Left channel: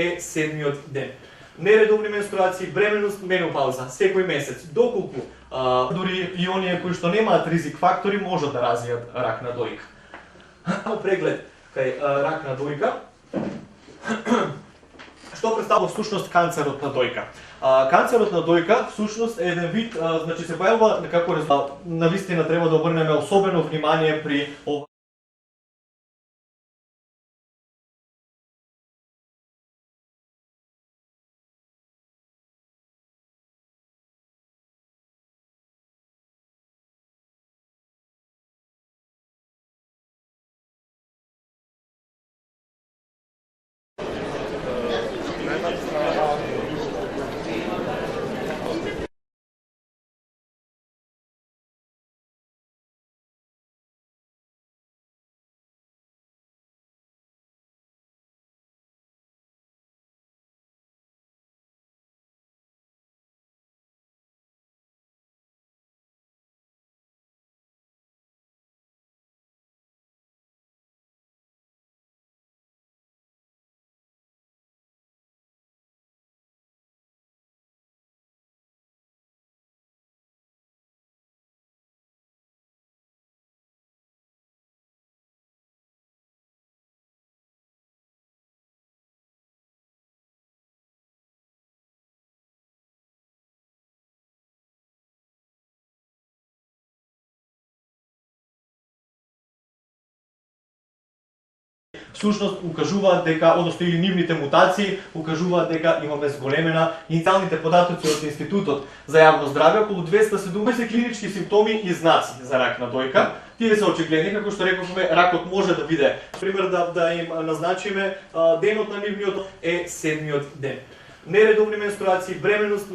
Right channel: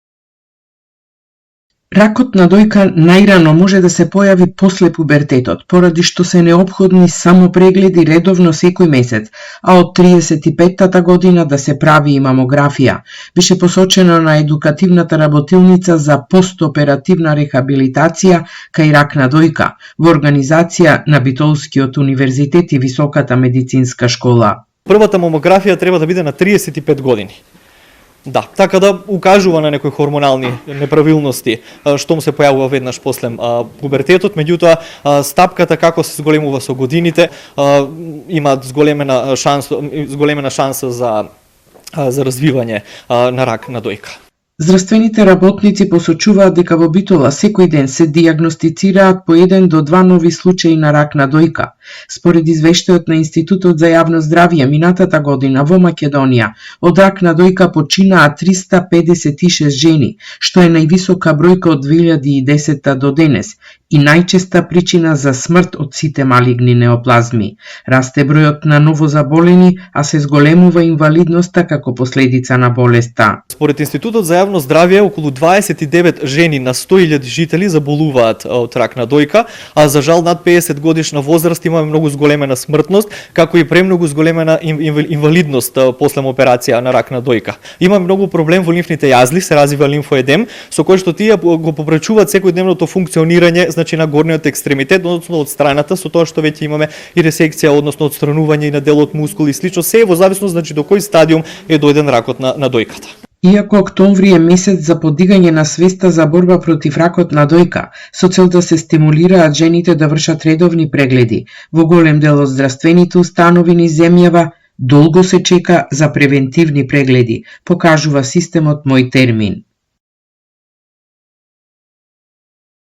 е 7-миот ден. Ракот на дојка најрано може да се појави после пубертетот, поради што се неопходни само прегледи редовно секој месец, а од 35-тата година да се прави и мамографија, беше посочено на едукативната работилница за постоперативна рехабилитација кај рак на дојка во организација на Битолскиот универзитет и Високата медицинска школа. Првата мамографија треба да биде на 35 години. Да, така да укажува на некои хормонални неправилности што му се појавува веднаш после пубертетот, меѓутоа стапката како се зголемува со годините има зголемена шанса за развивање на рак на дојка. Здравствените работници посочуваат дека во Битола секој ден се дијагностицираат по 1 до 2 нови случаи на рак на дојка. Според извештајот на Институтот за јавно здравје, минатата година во Македонија од рак на дојка починаа 356 жени, што е највисока бројка од 2010 до денес и најчеста причина за смрт од сите малигни неоплазми. Расте бројот на новозаболени, а се зголемува инвалидноста како последица на болеста. Според Институтот за јавно здравје, околу 29 жени на 100.000 жители заболуваат од рак на дојка, а за жал над 50 годишна возраст имаме многу зголемена смртност, како и премногу зголемена инвалидност после операција на рак на дојка. Има многу проблем во лимфните јазли, се развива лимфоедем, со кој што тие го попречуваат секојдневното функционирање, значи на горниот екстремитет, односно од страната, со тоа што веќе имаме и ресекција, односно одстранување и на делот мускул и слично, се во зависност значи до кој стадиум е дојден ракот на дојката. Иако октомври е месец за подигање на свеста за борба против ракот на дојка, со цел да се стимулираат жените да вршат редовни прегледи, во голем дел од здравствените установи низ земјава долго се чека за превентивни прегледи, покажува системот Мој термин. Нередовни менструации, бременност